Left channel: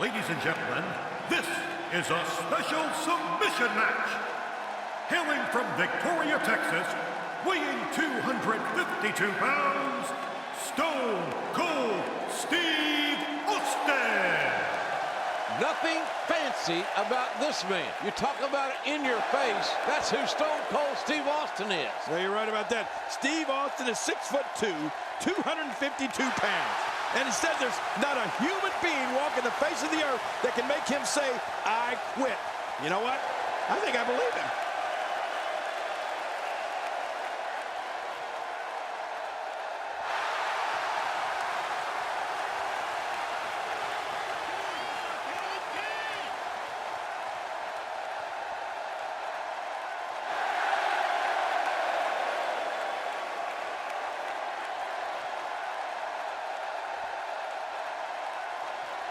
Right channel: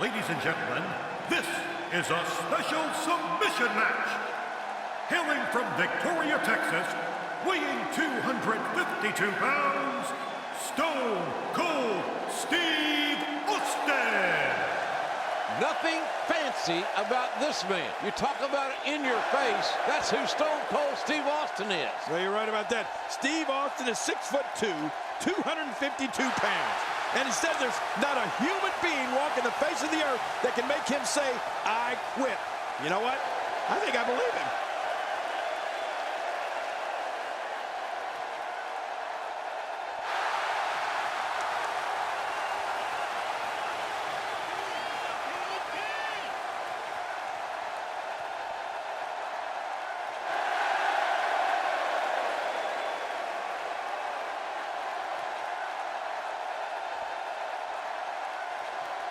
Ladies and gentlemen, this is a special submission match. Hailing from Victoria, Texas, weighing 252 pounds, Stone Cold Steve Austin. Nothing fancy about this man. You talk about it in your face. That's who Stone Cold Steve Austin is. Well, you're right about that. Steve Austin is 6'2", 252 pounds. And instead, there's not a human being walking the face of the earth that can make him say, I quit. You know what? I think I believe him.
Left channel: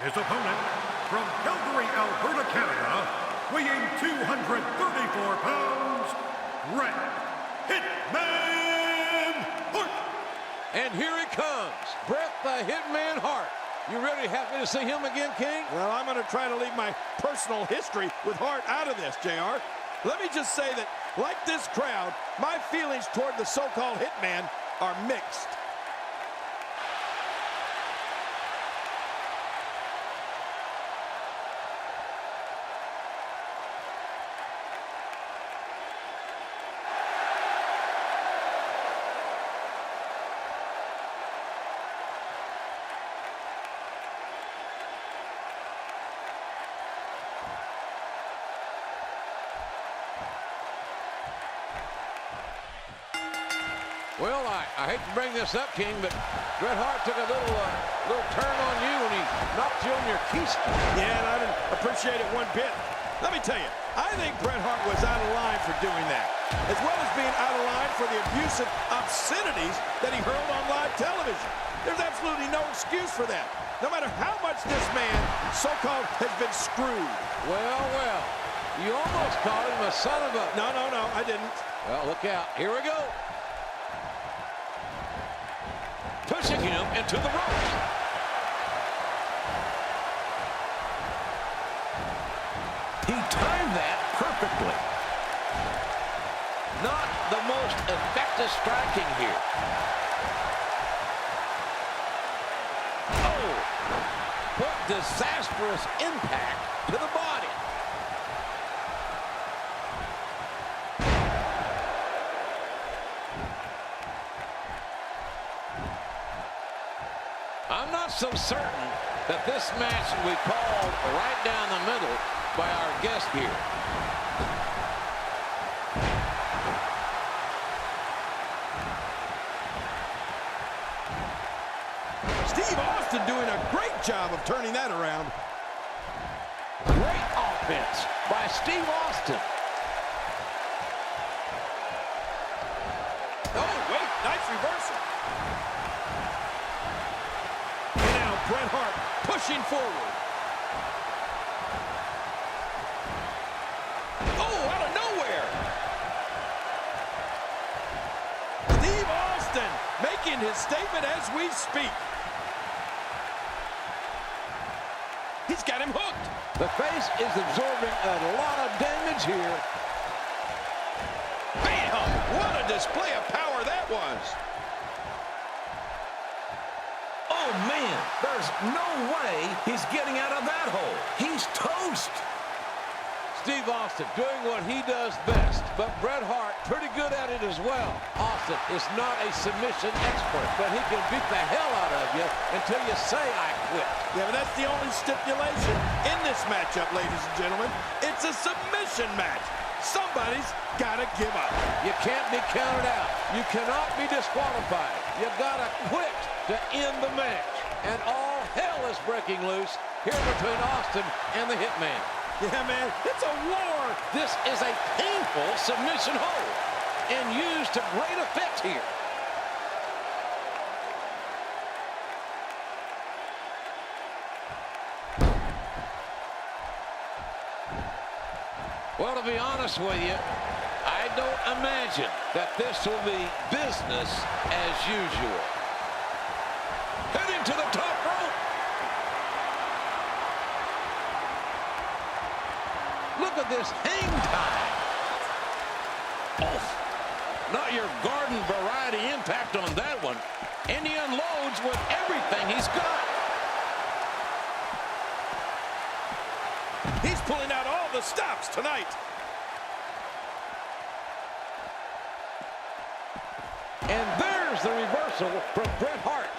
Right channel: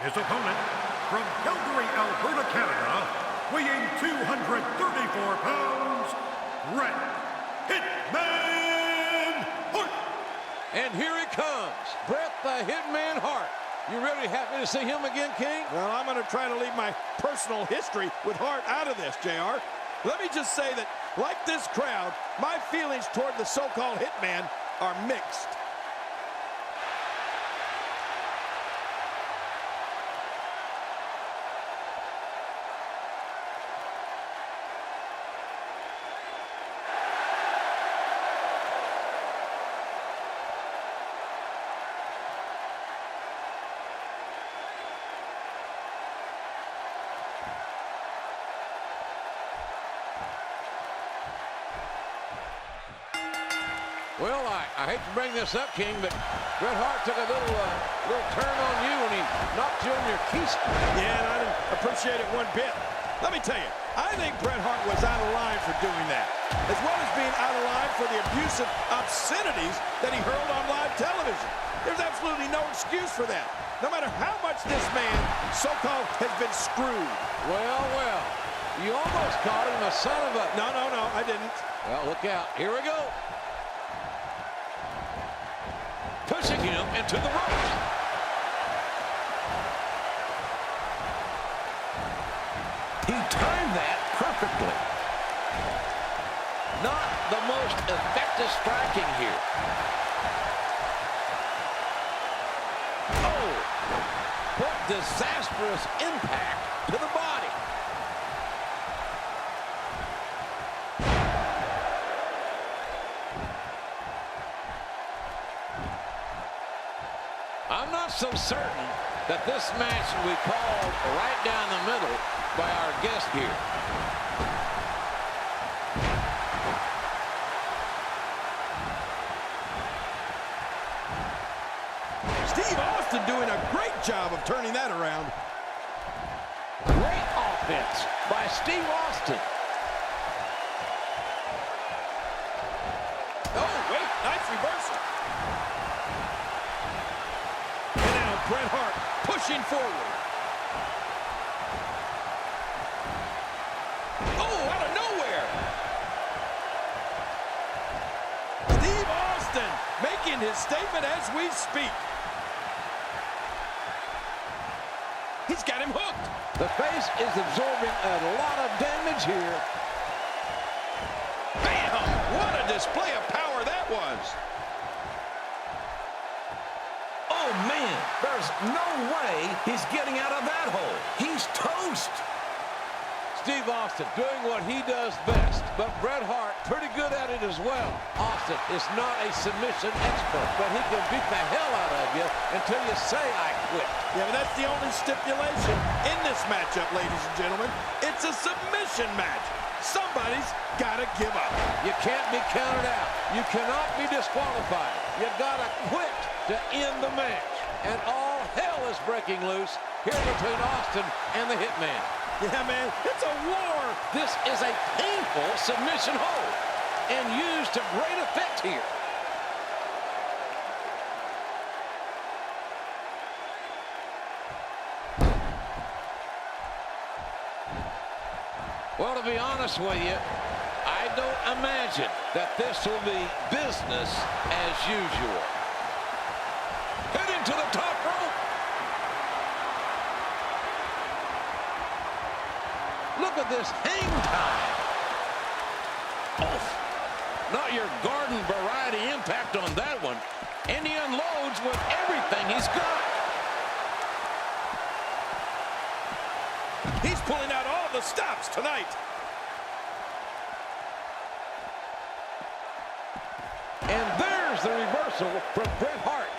His opponent, from Calgary, Alberta, Canada, weighing 234 pounds, Bret Hitman Hart. And here he comes, Bret the Hitman Hart. You really happy to see him again, King? Well, I'm going to try to leave my personal history with Hart out of this, JR. Let me just say that, like this crowd, my feelings toward the so-called Hitman are mixed. Well, I hate to bring this up, King, but Bret Hart took a little turn on you when he knocked you on your keister. Yeah, and I didn't appreciate it one bit. Let me tell you, I think Bret Hart was out of line for doing that, as well as being out of line for the abusive obscenities that he hurled on live television. There's absolutely no excuse for that, no matter how much this man, so-called, has been screwed. Well, well, you almost called him a son of a... No, I didn't. Well, look out. Here we go. Pushing him into the ropes. He timed that perfectly. Not the most effective striking here. Oh, what disastrous impact to the body. I'm not so certain that this match will be called right down the middle by our guest here. Steve Austin doing a great job of turning that around. Great offense by Steve Austin. Oh, wait, nice reversal. Bret Hart pushing forward. Oh, out of nowhere. Steve Austin making his statement as we speak. He's got him hooked. The face is absorbing a lot of damage here. Bam! What a display of power that was. Oh, man, there's no way he's getting out of that hole. He's toast. Steve Austin doing what he does best, but Bret Hart pretty good at it as well. Austin is not a submission expert, but he can beat the hell out of you until you say, I quit. Yeah, but that's the only stipulation in this matchup, ladies and gentlemen. It's a submission match. Somebody's got to give up. You can't be counted out. You cannot be disqualified. You got to quit to end the match. And all hell is breaking loose here between Austin and the Hitman. Yeah, man, it's a war. This is a painful submission hold and used to great effect here. Well, to be honest with you, I don't imagine that this will be business as usual. Heading to the top rope. at this hang time. Oh, not your garden variety impact on that one. And he unloads with everything he's got. He's pulling out all the stops tonight. And there's the reversal from Bret Hart.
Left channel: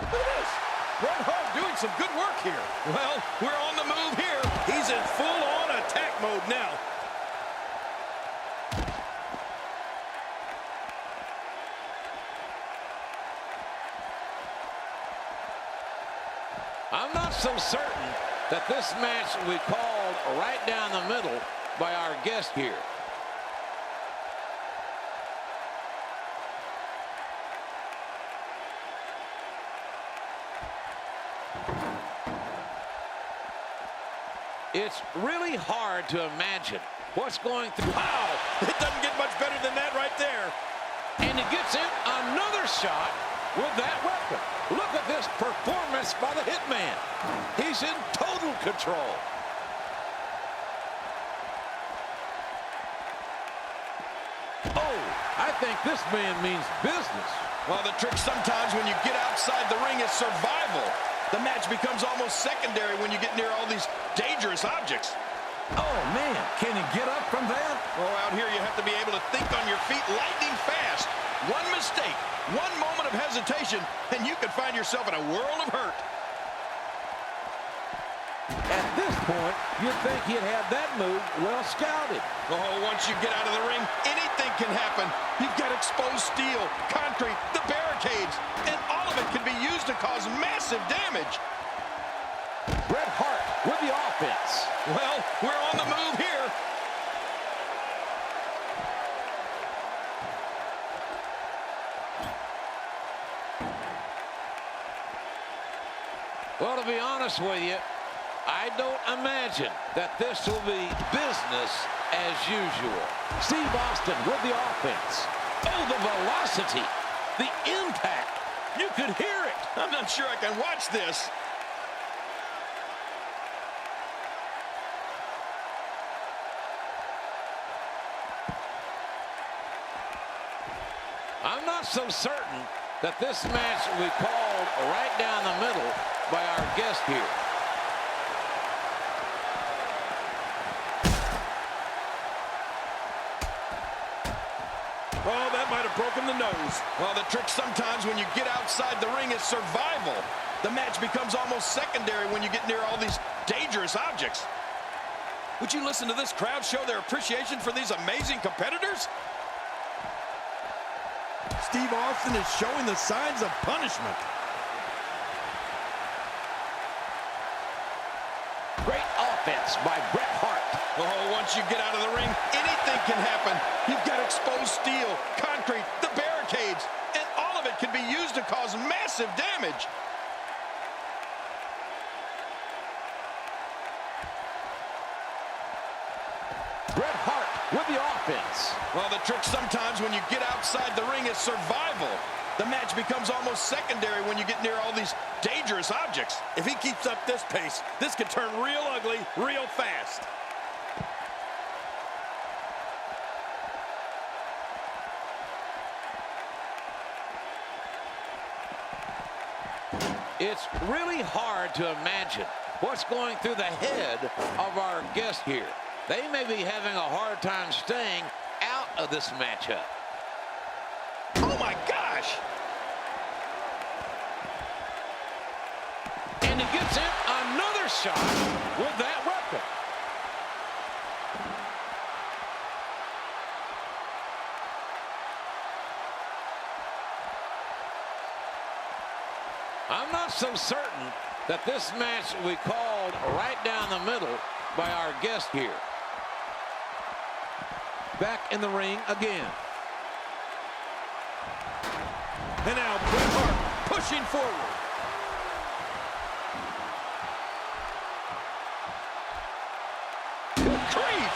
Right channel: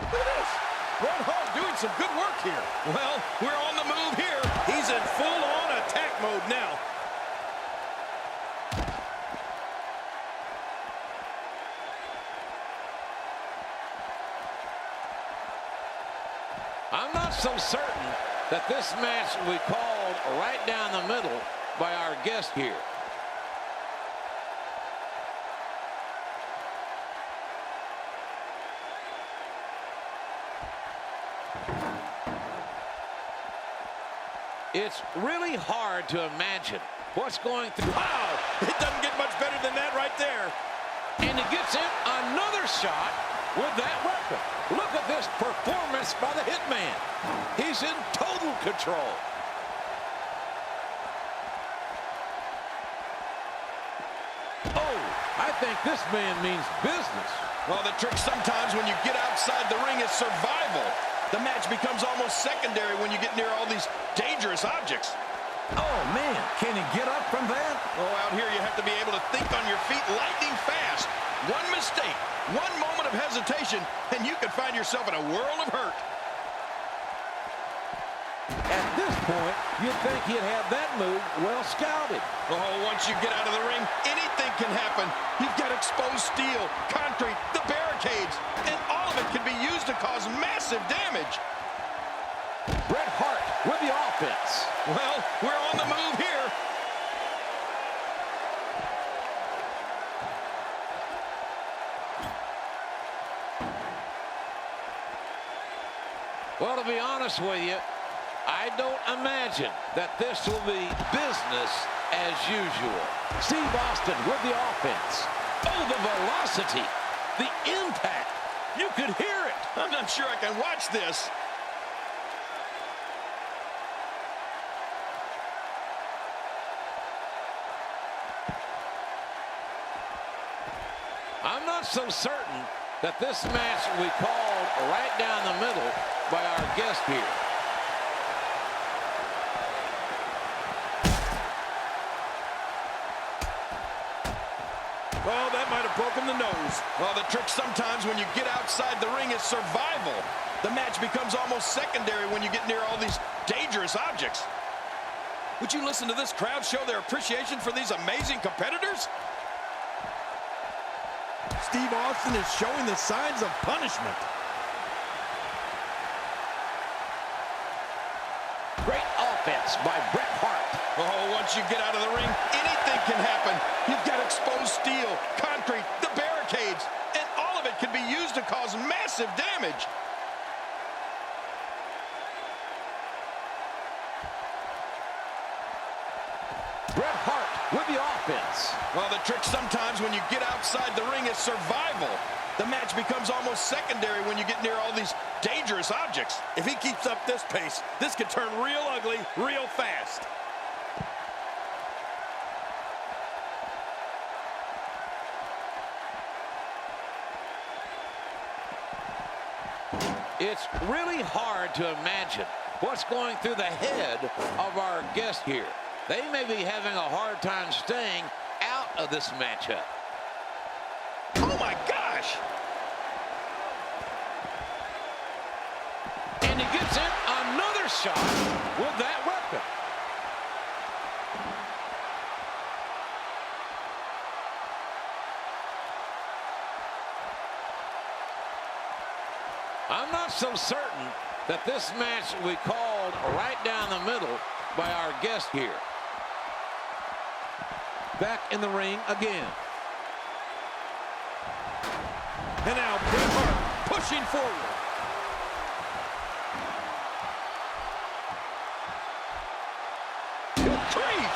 Look at this. Bret Hart doing some good work here. Well, we're on the move here. He's in full-on attack mode now. I'm not so certain that this match will be called right down the middle by our guest here. It's really hard to imagine what's going through. Wow, it doesn't get much better than that right there. And he gets in another shot with that weapon. Look at this performance by the Hitman. He's in total control. Oh, I think this man means business. Well, the trick sometimes when you get outside the ring is survival. The match becomes almost secondary when you get near all these dangerous objects. Oh, man, can he get up from that? Oh, out here you have to be able to think on your feet lightning fast. One mistake, one moment of hesitation, and you could find yourself in a world of hurt. At this point, you'd think he'd have that move well scouted. Oh, once you get out of the ring, anything can happen. You've got exposed steel, concrete, the barricades, and all of it can be used to cause massive damage. Bret Hart with the offense. Well, we're on the move here. Well, to be honest with you, I don't imagine that this will be business as usual. Steve Austin with the offense. Oh, the velocity, the impact. You could hear it. I'm not sure I can watch this. I'm not so certain that this match will be called right down the middle by our guest here. Oh, that might have broken the nose. Well, the trick sometimes when you get outside the ring is survival. The match becomes almost secondary when you get near all these dangerous objects. Would you listen to this crowd show their appreciation for these amazing competitors? Steve Austin is showing the signs of punishment. Great offense by Bret Hart. Oh, once you get out of the ring, anything can happen. You've got exposed steel, concrete, the barricades, and all of it can be used to cause massive damage. Bret Hart with the offense. Well, the trick sometimes when you get outside the ring is survival. The match becomes almost secondary when you get near all these dangerous objects. If he keeps up this pace, this could turn real ugly real fast. It's really hard to imagine what's going through the head of our guest here. They may be having a hard time staying out of this matchup. Oh my gosh! And he gets in another shot with that weapon. I'm not so certain that this match will be called right down the middle by our guest here. Back in the ring again. And now Bret Hart pushing forward. Good grief!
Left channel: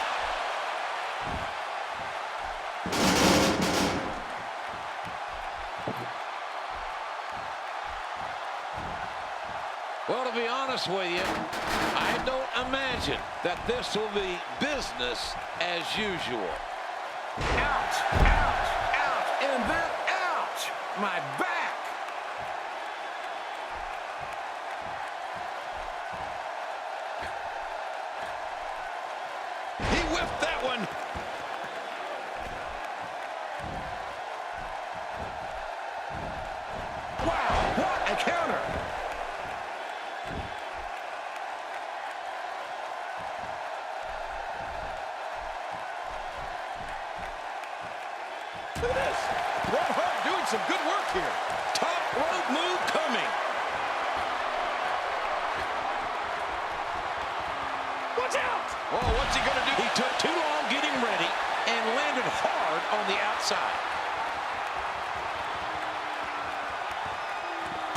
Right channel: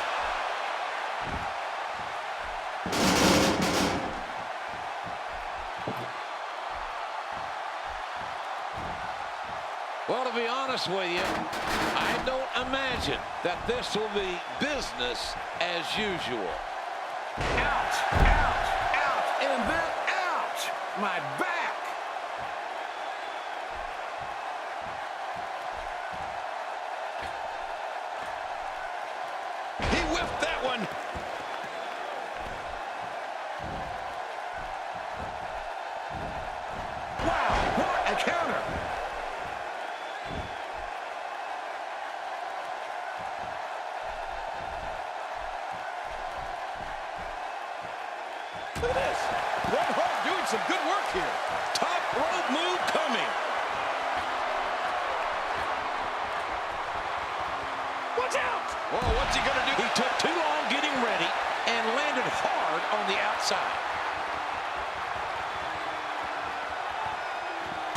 Well, to be honest with you, I don't imagine that this will be business as usual. Ouch, ouch, ouch, and then ouch, my back. He whiffed that one. Wow, what a counter. Look at this. Bret Hart doing some good work here. Top rope move coming. Watch out! Oh, what's he going to do? He took too long getting ready and landed hard on the outside.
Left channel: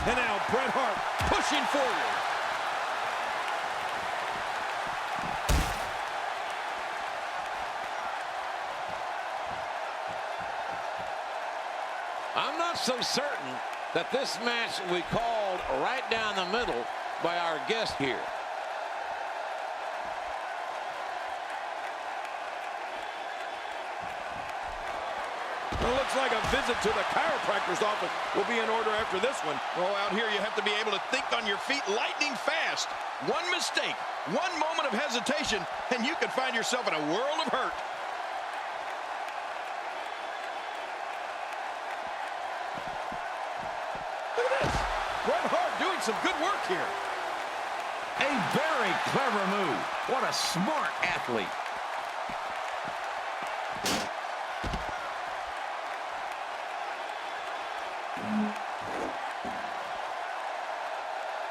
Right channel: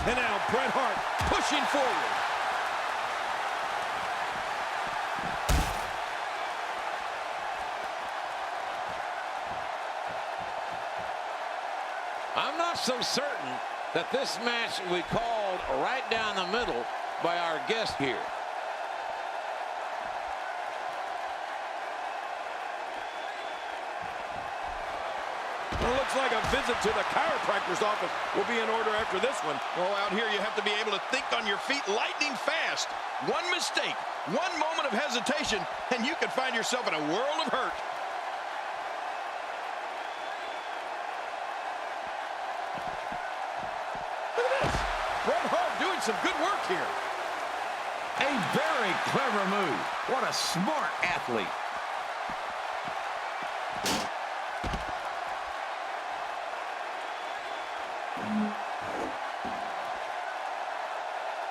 And now Bret Hart pushing forward. I'm not so certain that this match will be called right down the middle by our guest here. Well, it looks like a visit to the chiropractor's office will be in order after this one. Oh, out here you have to be able to think on your feet lightning fast. One mistake, one moment of hesitation, and you could find yourself in a world of hurt. Look at this. Bret Hart doing some good work here. A very clever move. What a smart athlete.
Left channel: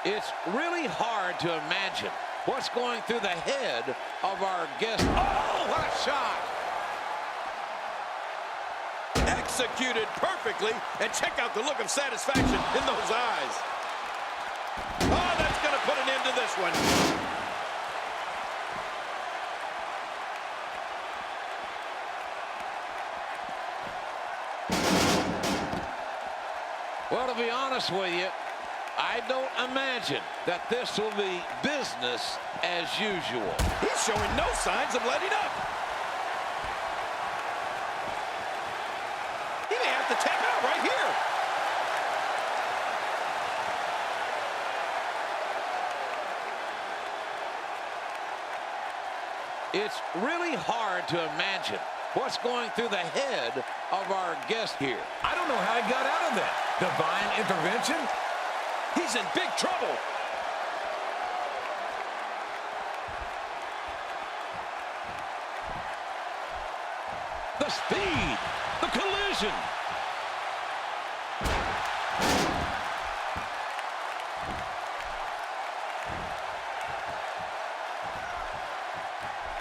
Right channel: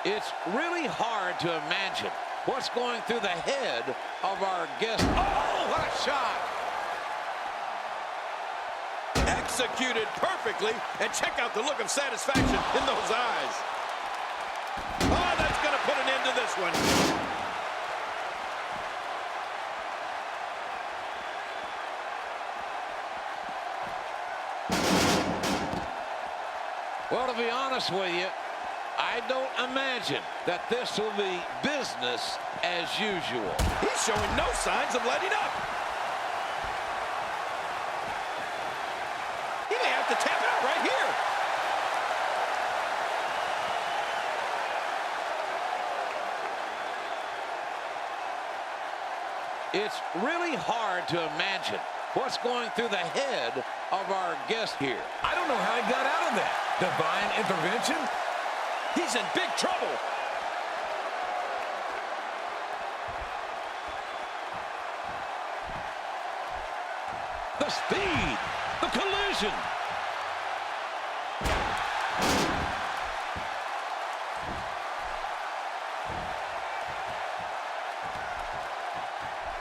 It's really hard to imagine what's going through the head of our guest. Oh, what a shot! Executed perfectly, and check out the look of satisfaction in those eyes. Oh, that's going to put an end to this one. Well, to be honest with you, I don't imagine that this will be business as usual. He's showing no signs of letting up. He may have to tap out right here. It's really hard to imagine what's going through the head of our guest here. I don't know how he got out of that. Divine intervention? He's in big trouble. The speed, the collision.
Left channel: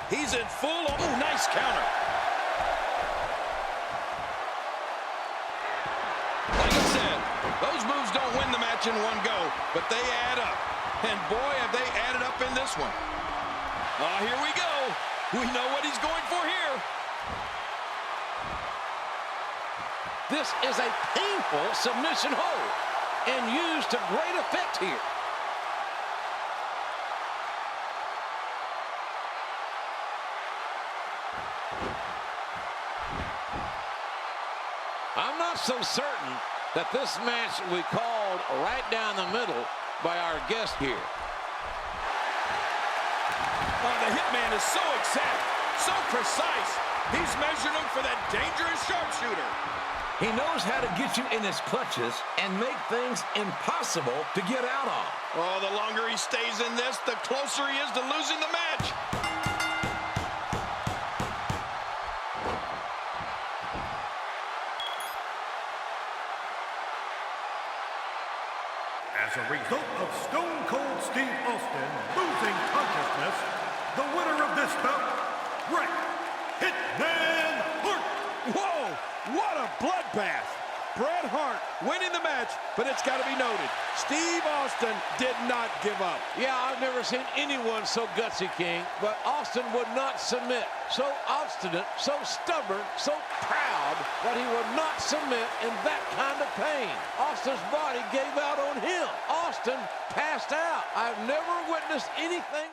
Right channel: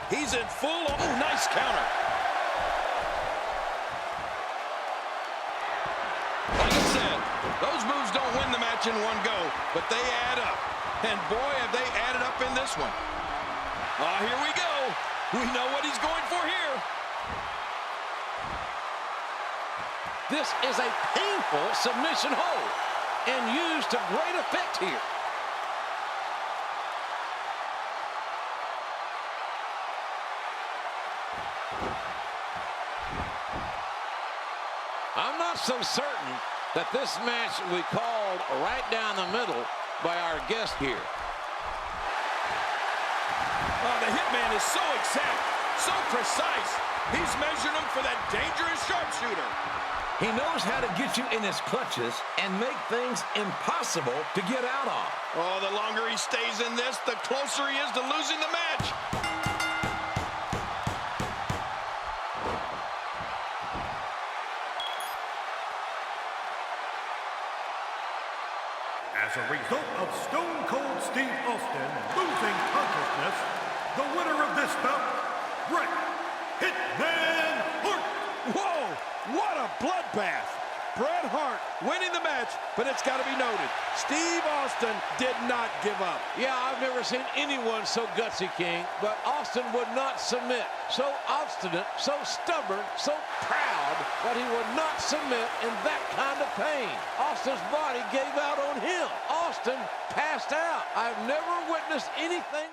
He's in full. Oh, nice counter. Like I said, those moves don't win the match in one go, but they add up. And boy, have they added up in this one. Oh, here we go. We know what he's going for here. This is a painful submission hold and used to great effect here. I'm not so certain that this match will be called right down the middle by our guest here. Oh, the hitman is so exact, so precise. He's measured him for that dangerous sharpshooter. He knows how to get you in his clutches and make things impossible to get out of. Oh, the longer he stays in this, the closer he is to losing the match. As a result of Stone Cold Steve Austin losing consciousness, the winner of this bout, Bret Hitman Hart. Whoa, what a bloodbath. Bret Hart winning the match, but it's got to be noted, Steve Austin did not give up. Yeah, I've never seen anyone so gutsy, King, but Austin would not submit. So obstinate, so stubborn, so proud that he would not submit in that kind of pain. Austin's body gave out on him. Austin Austin passed out. I've never witnessed anything.